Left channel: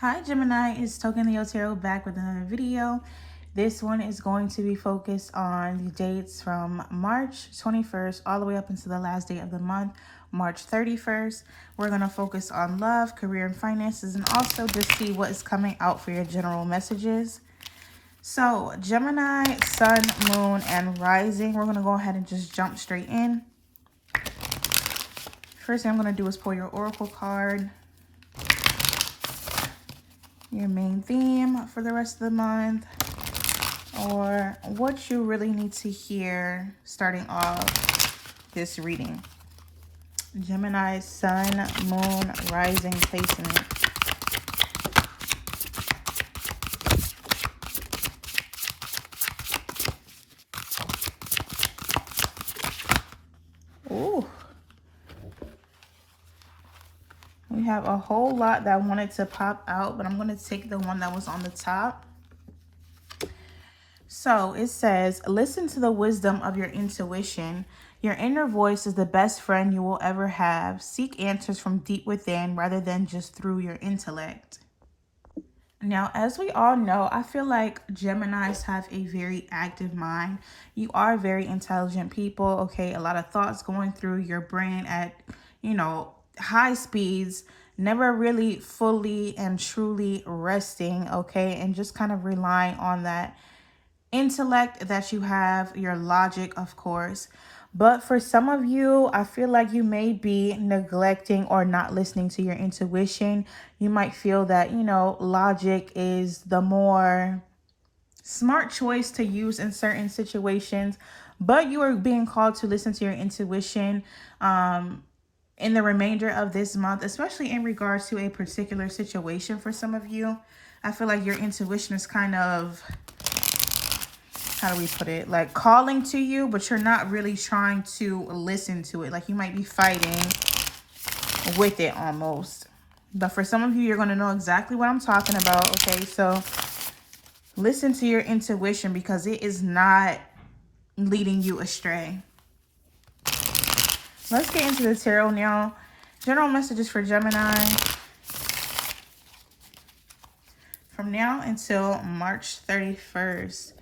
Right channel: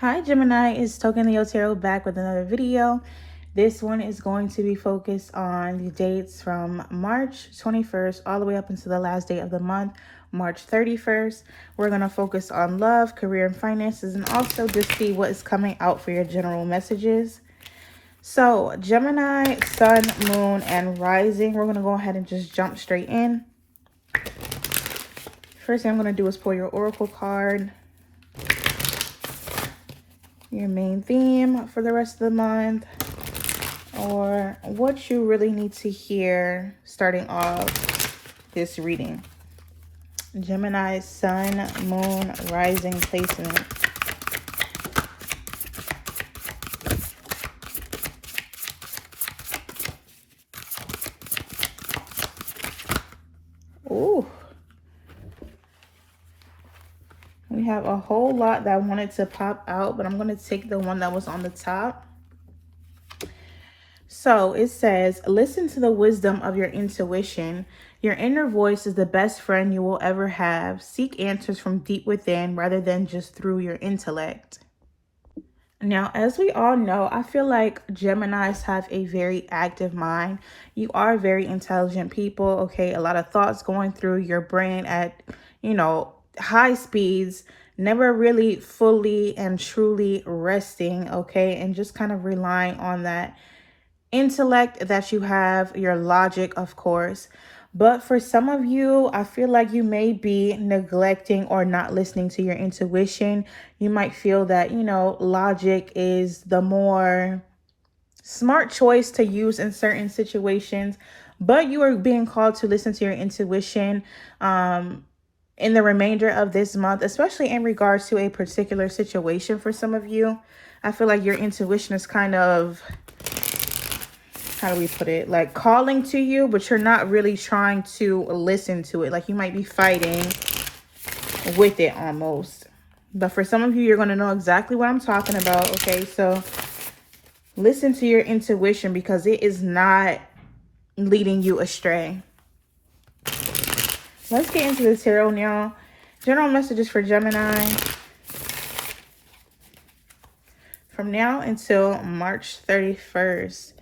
Hi Gemini, it's Token Leo Tarot back with another video. This one is going to be focused on the dates from March 21st all the way up until the last day of the month, March 31st. We're going to focus on love, career, and finances, and also just see what is coming out for your general messages. So Gemini, Sun, Moon, and Rising, we're going to go ahead and just jump straight in. First thing I'm going to do is pull your Oracle card. Your main theme for the rest of the month, or what you really need to hear starting off this reading. Gemini, Sun, Moon, Rising placement. Ooh. We have a whole lot that wanted to pop out, but I'm going to take the one that was on the top. So it says, listen to the wisdom of your intuition. Your inner voice is the best friend you will ever have. Seek answers from deep within rather than just through your intellect. Now, as we all know, I feel like Geminis have a very active mind. You are very intelligent people, okay? A lot of thoughts going through your brain at, high speeds, never really fully and truly resting, okay? And just kind of relying on that intellect that you have, your logic, of course. But for some of you, I feel like you may be neglecting or not listening to your intuition. You might feel that, logic is the more smart choice to use in certain situations, but you are being called to listen to your intuition in the remainder of this month, especially in regards to a particular situation for some of you. I feel like your intuition is kind of, how do we put it, like calling to you, but you're not really trying to listen to it. Like you might be fighting with it almost. But for some of you, you're going to know exactly what I'm talking about. Okay, so listen to your intuition because it is not leading you astray. Let's get into the tarot now. General messages for Gemini from now until March 31st.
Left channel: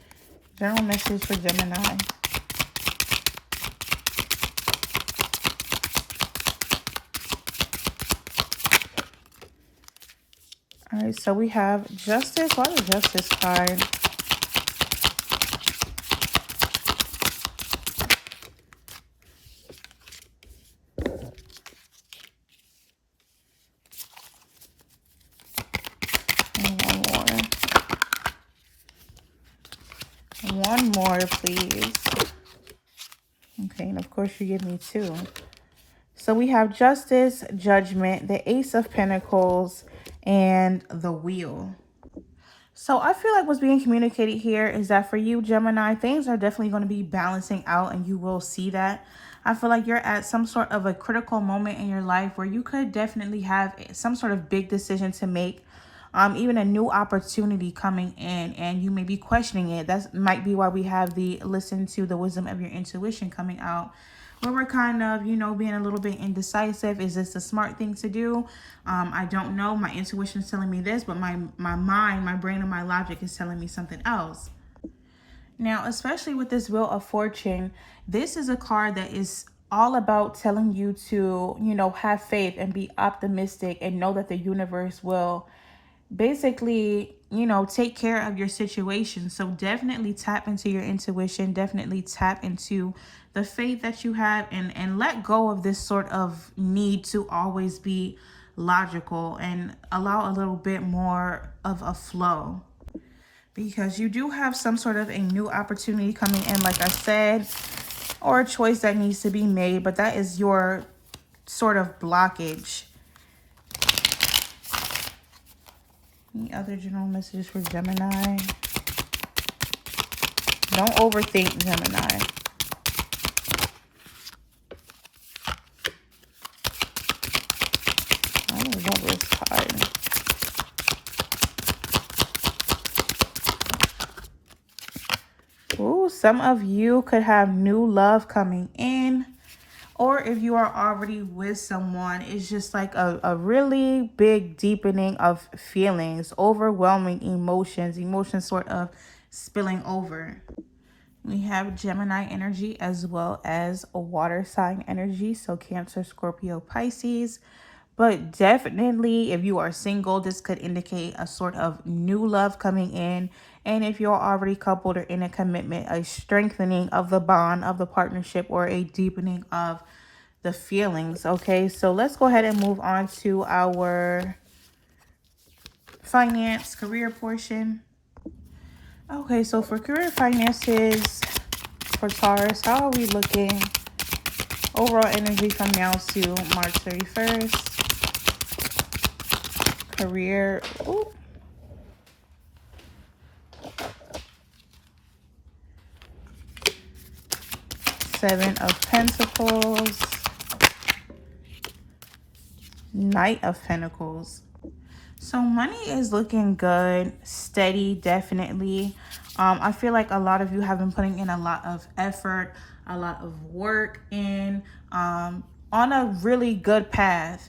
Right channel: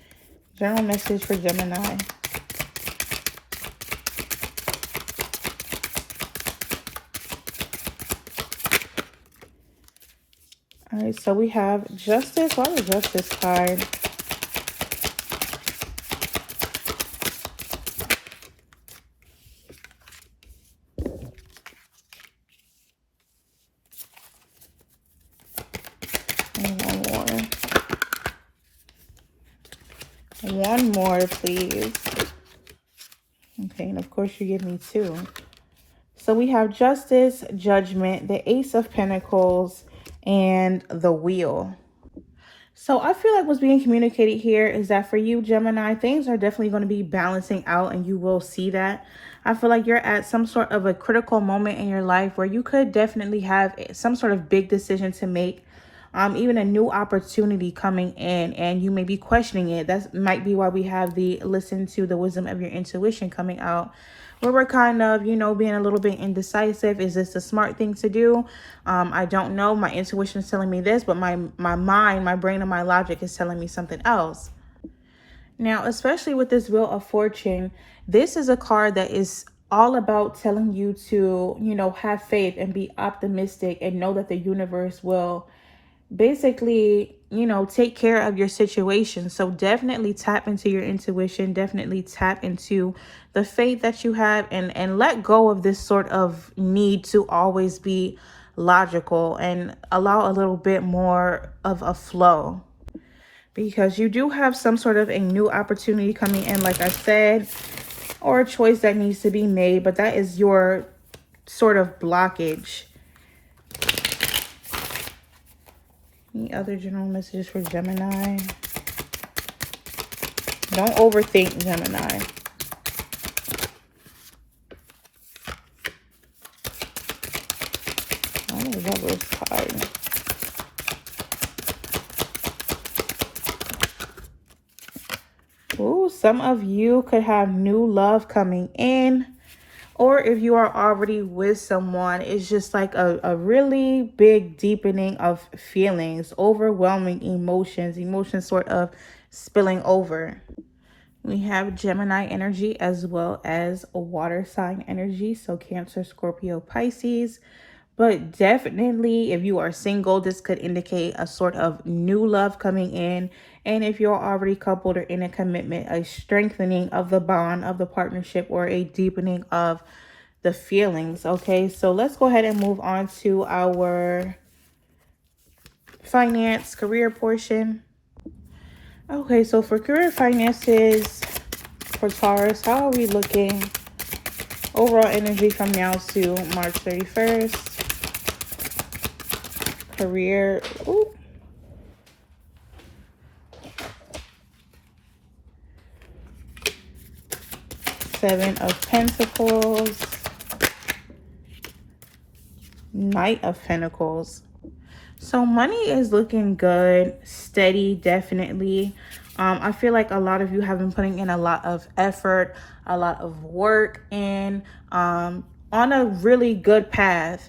General message for Gemini. All right, so we have Justice. Why the Justice card? And one more, please. Okay, and of course you give me two. So we have Justice, Judgment, the Ace of Pentacles, and the Wheel. So I feel like what's being communicated here is that for you, Gemini, things are definitely going to be balancing out, and you will see that. I feel like you're at some sort of a critical moment in your life where you could definitely have some sort of big decision to make, even a new opportunity coming in, and you may be questioning it. That might be why we have the listen to the wisdom of your intuition coming out, where we're kind of, being a little bit indecisive. Is this a smart thing to do? I don't know. My intuition is telling me this, but my mind, my brain, and my logic is telling me something else. Now, especially with this Wheel of Fortune, this is a card that is all about telling you to, have faith and be optimistic and know that the universe will basically, take care of your situation. So definitely tap into your intuition, definitely tap into the faith that you have, and let go of this sort of need to always be logical and allow a little bit more of a flow, because you do have some sort of a new opportunity coming in, like I said, or a choice that needs to be made, but that is your sort of blockage. Any other general messages for Gemini? Don't overthink, Gemini. I love this card. Ooh, some of you could have new love coming in, Or if you are already with someone, it's just like a really big deepening of feelings, overwhelming emotions sort of spilling over. We have Gemini energy as well as a water sign energy. So Cancer, Scorpio, Pisces. But definitely, if you are single, this could indicate a sort of new love coming in. And if you're already coupled or in a commitment, a strengthening of the bond of the partnership or a deepening of the feelings. Okay, so let's go ahead and move on to our finance career portion. Okay, so for career finances for Taurus, how are we looking? Overall energy from now to March 31st. Career. Ooh. Seven of Pentacles. Knight of Pentacles. So money is looking good, steady, definitely. I feel like a lot of you have been putting in a lot of effort, a lot of work, and on a really good path.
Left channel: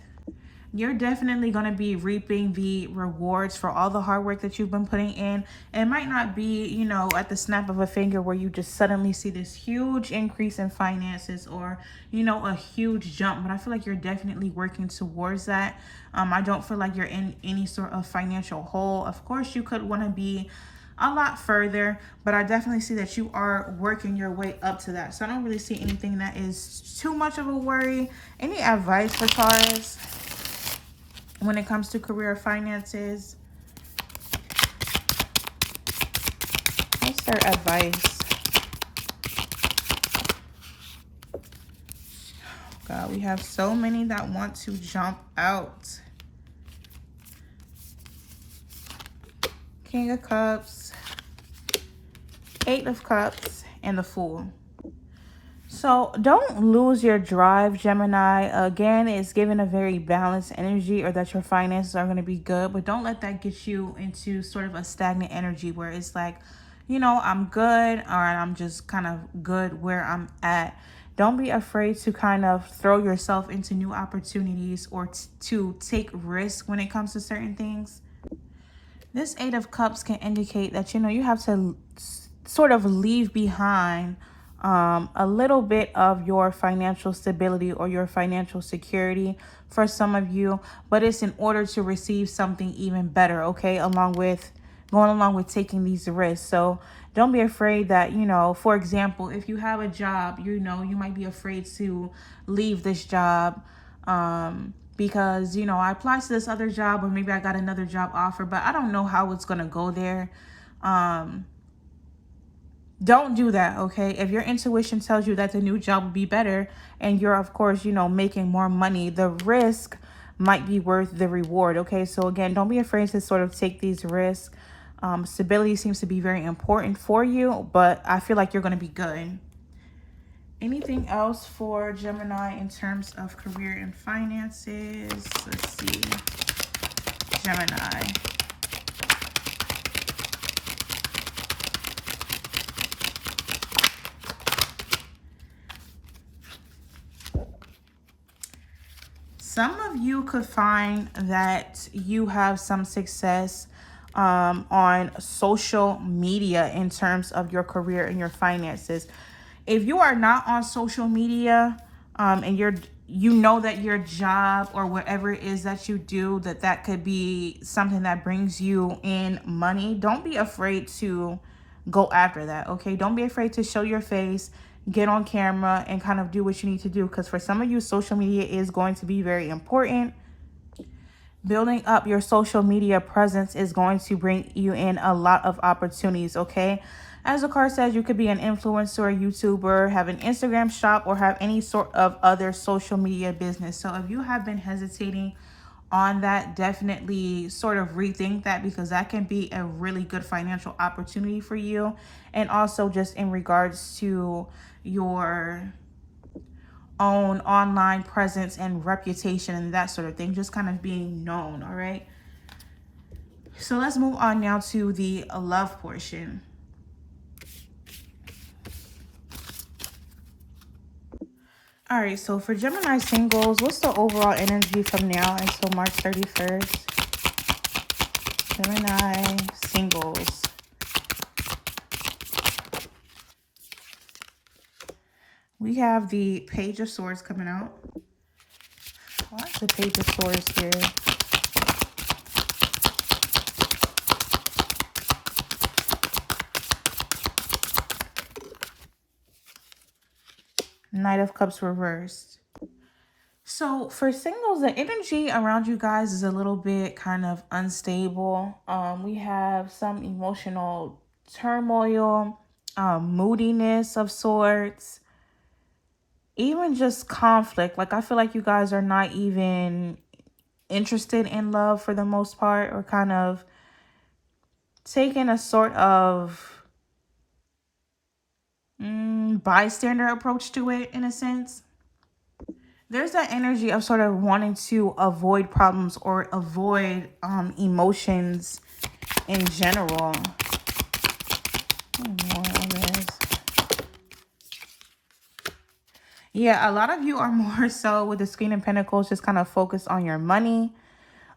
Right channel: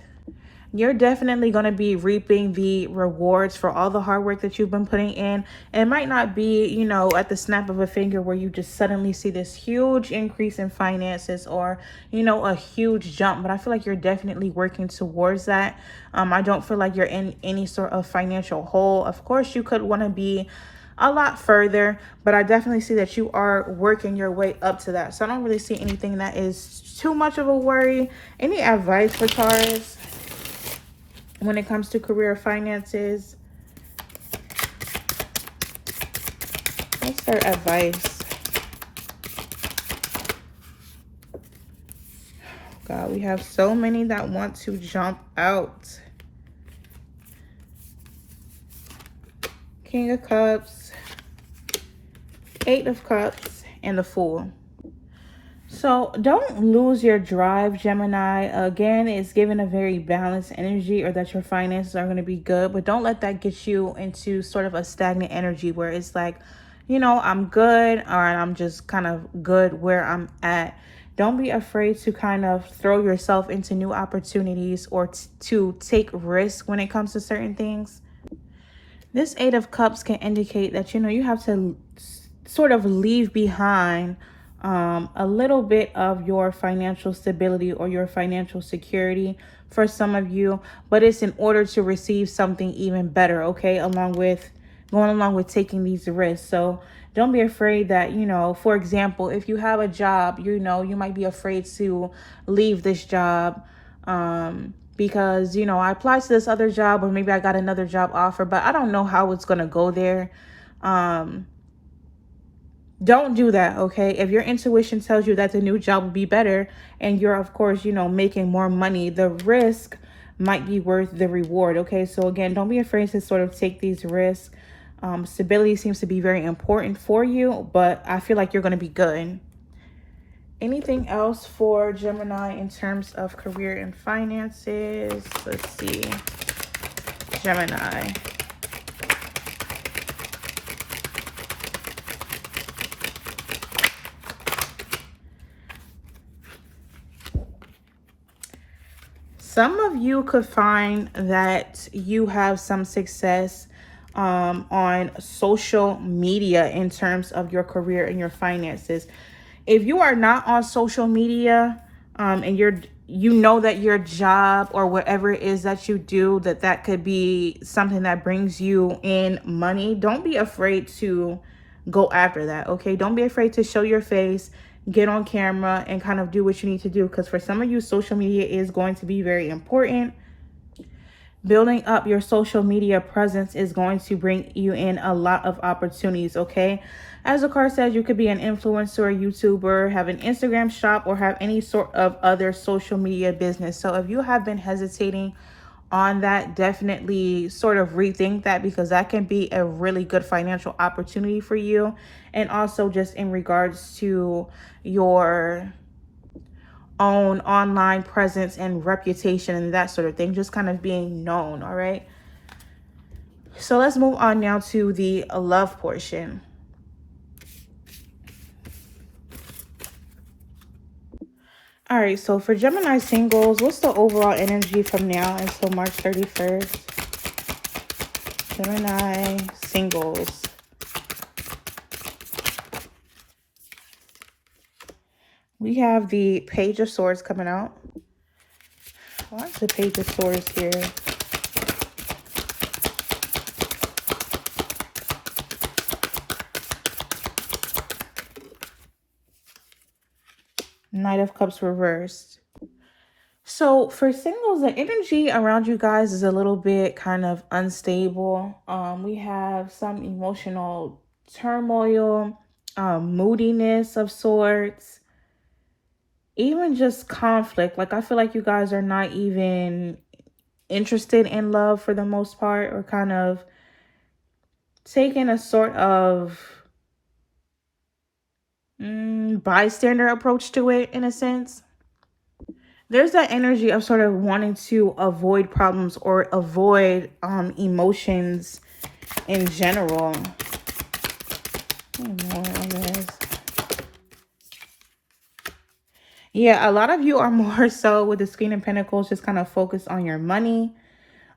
You're definitely going to be reaping the rewards for all the hard work that you've been putting in. It might not be, you know, at the snap of a finger where you just suddenly see this huge increase in finances or, you know, a huge jump. But I feel like you're definitely working towards that. I don't feel like you're in any sort of financial hole. Of course, you could want to be a lot further, but I definitely see that you are working your way up to that. So I don't really see anything that is too much of a worry. Any advice for Taurus when it comes to career finances? What's their advice? God, we have so many that want to jump out. King of Cups, Eight of Cups, and the Fool. So don't lose your drive, Gemini. Again, it's given a very balanced energy, or that your finances are going to be good, but don't let that get you into sort of a stagnant energy where it's like, you know, I'm good, or I'm just kind of good where I'm at. Don't be afraid to kind of throw yourself into new opportunities or to take risks when it comes to certain things. This Eight of Cups can indicate that, you know, you have to sort of leave behind a little bit of your financial stability or your financial security for some of you, but it's in order to receive something even better, okay, going along with taking these risks. So don't be afraid that, you know, for example, if you have a job, you know, you might be afraid to leave this job because, you know, I applied to this other job, or maybe I got another job offer, but I don't know how it's going to go there. Don't do that, okay? If your intuition tells you that the new job will be better and you're, of course, you know, making more money, the risk might be worth the reward, okay? So again, don't be afraid to sort of take these risks. Stability seems to be very important for you, but I feel like you're going to be good. Anything else for Gemini in terms of career and finances? Let's see. Gemini. Some of you could find that you have some success on social media in terms of your career and your finances. If you are not on social media and you know that your job or whatever it is that you do, that could be something that brings you in money, don't be afraid to go after that, okay? Don't be afraid to show your face, get on camera, and kind of do what you need to do, because for some of you, social media is going to be very important. Building up your social media presence is going to bring you in a lot of opportunities, okay? As the card says, you could be an influencer, a YouTuber, have an Instagram shop, or have any sort of other social media business. So if you have been hesitating on that, definitely sort of rethink that, because that can be a really good financial opportunity for you. And also just in regards to your own online presence and reputation and that sort of thing, just kind of being known. All right, so let's move on now to the love portion. All right, so for Gemini singles, what's the overall energy from now until March 31st? Gemini singles. We have the Page of Swords coming out. Why is the Page of Swords here? Knight of Cups reversed. So for singles, the energy around you guys is a little bit kind of unstable. We have some emotional turmoil, moodiness of sorts, even just conflict. Like I feel like you guys are not even interested in love for the most part, or kind of taking a sort of bystander approach to it in a sense. There's that energy of sort of wanting to avoid problems or avoid emotions in general. Yeah, a lot of you are more so with the Queen of Pentacles just kind of focused on your money.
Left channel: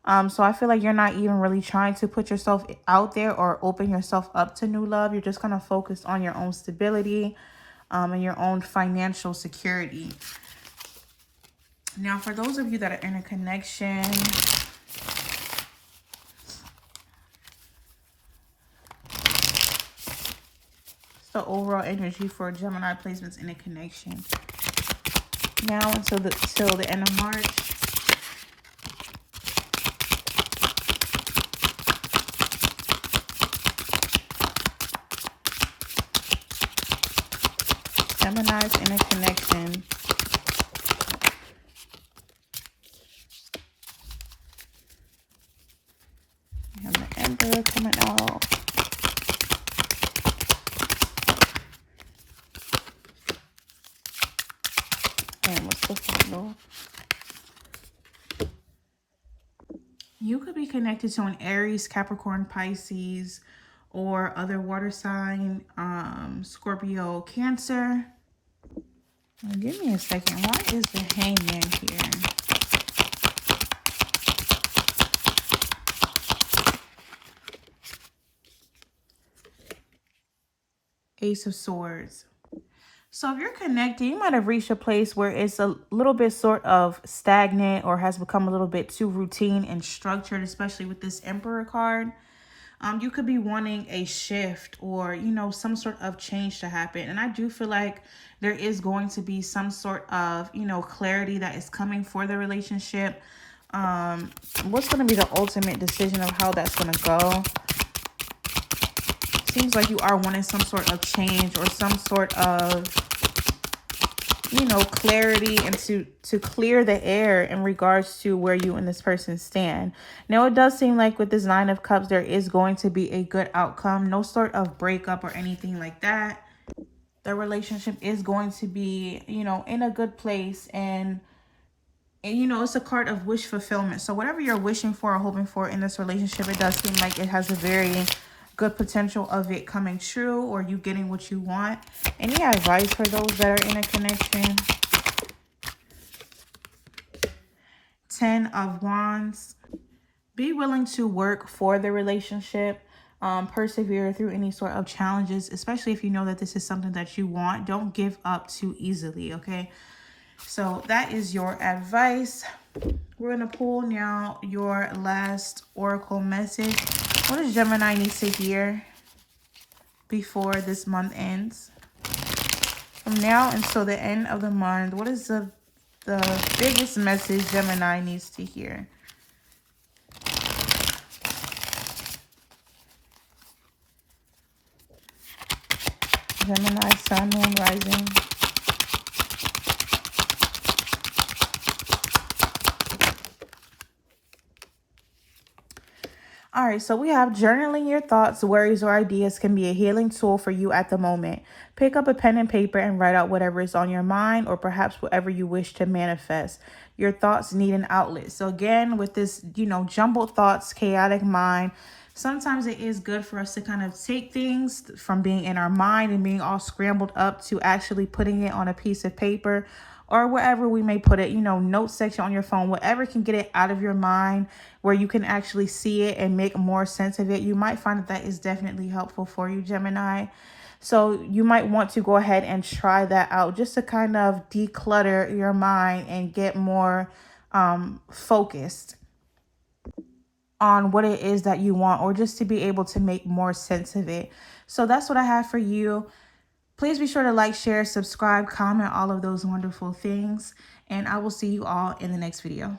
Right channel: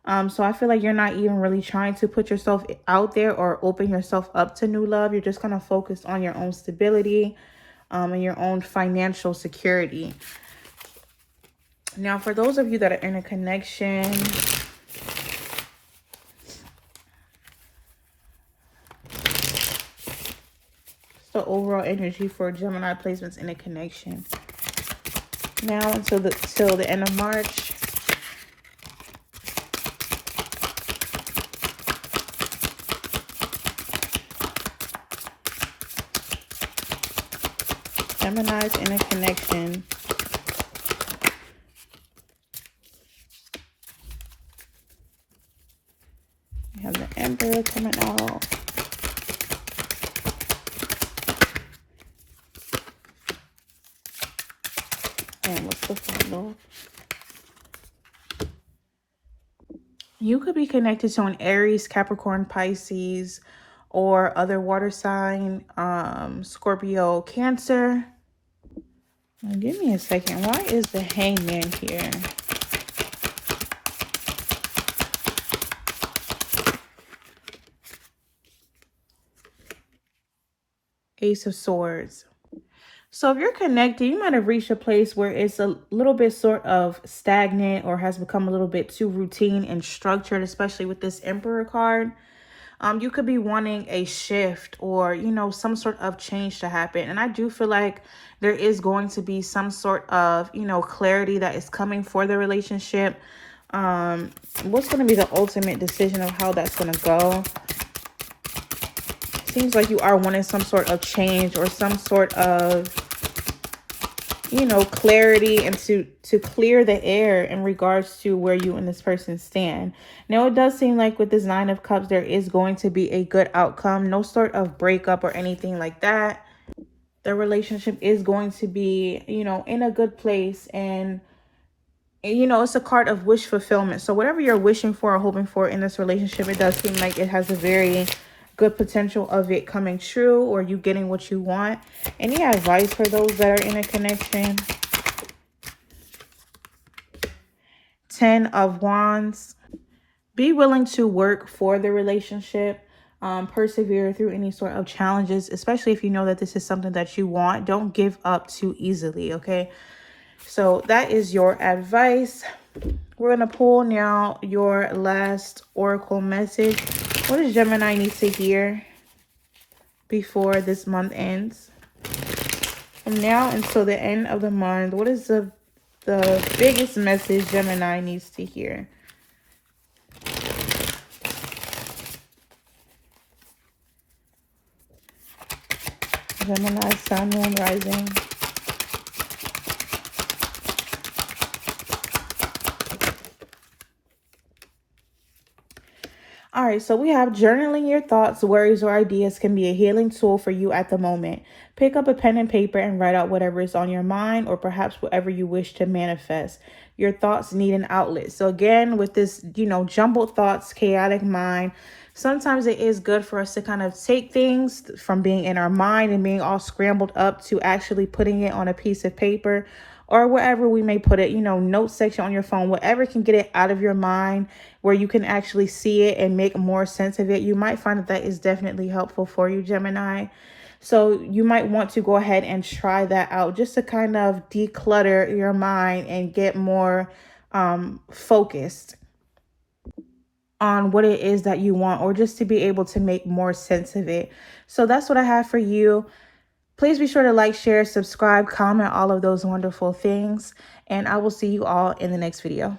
So I feel like you're not even really trying to put yourself out there or open yourself up to new love. You're just kind of focused on your own stability and your own financial security. Now, for those of you that are in a connection, the overall energy for Gemini placements in a connection. Now until the end of March. Gemini's in a connection. We have the Emperor coming out. And what's the final? You could be connected to an Aries, Capricorn, Pisces, or other water sign, Scorpio, Cancer. Now, give me a second. Why is the Hangman here? Ace of Swords. So if you're connected, you might have reached a place where it's a little bit sort of stagnant or has become a little bit too routine and structured, especially with this Emperor card. You could be wanting a shift or, you know, some sort of change to happen. And I do feel like there is going to be some sort of, you know, clarity that is coming for the relationship. What's going to be the ultimate decision of how that's going to go? Seems like you are wanting some sort of change or some sort of, you know, clarity and to clear the air in regards to where you and this person stand. Now, it does seem like with this Nine of Cups, there is going to be a good outcome. No sort of breakup or anything like that. The relationship is going to be, you know, in a good place. And you know, it's a card of wish fulfillment. So whatever you're wishing for or hoping for in this relationship, it does seem like it has a very good potential of it coming true or you getting what you want. Any advice for those that are in a connection? 10 of Wands. Be willing to work for the relationship. Persevere through any sort of challenges, especially if you know that this is something that you want. Don't give up too easily, okay? So that is your advice. We're going to pull now your last oracle message. What does Gemini need to hear before this month ends? From now until the end of the month, what is the biggest message Gemini needs to hear? Gemini, Sun, Moon, Rising. All right, so we have journaling your thoughts, worries, or ideas can be a healing tool for you at the moment. Pick up a pen and paper and write out whatever is on your mind or perhaps whatever you wish to manifest. Your thoughts need an outlet. So again, with this, you know, jumbled thoughts, chaotic mind, sometimes it is good for us to kind of take things from being in our mind and being all scrambled up to actually putting it on a piece of paper or wherever we may put it, you know, note section on your phone, whatever can get it out of your mind where you can actually see it and make more sense of it. You might find that that is definitely helpful for you, Gemini. So you might want to go ahead and try that out just to kind of declutter your mind and get more focused on what it is that you want, or just to be able to make more sense of it. So that's what I have for you. Please be sure to like, share, subscribe, comment, all of those wonderful things. And I will see you all in the next video.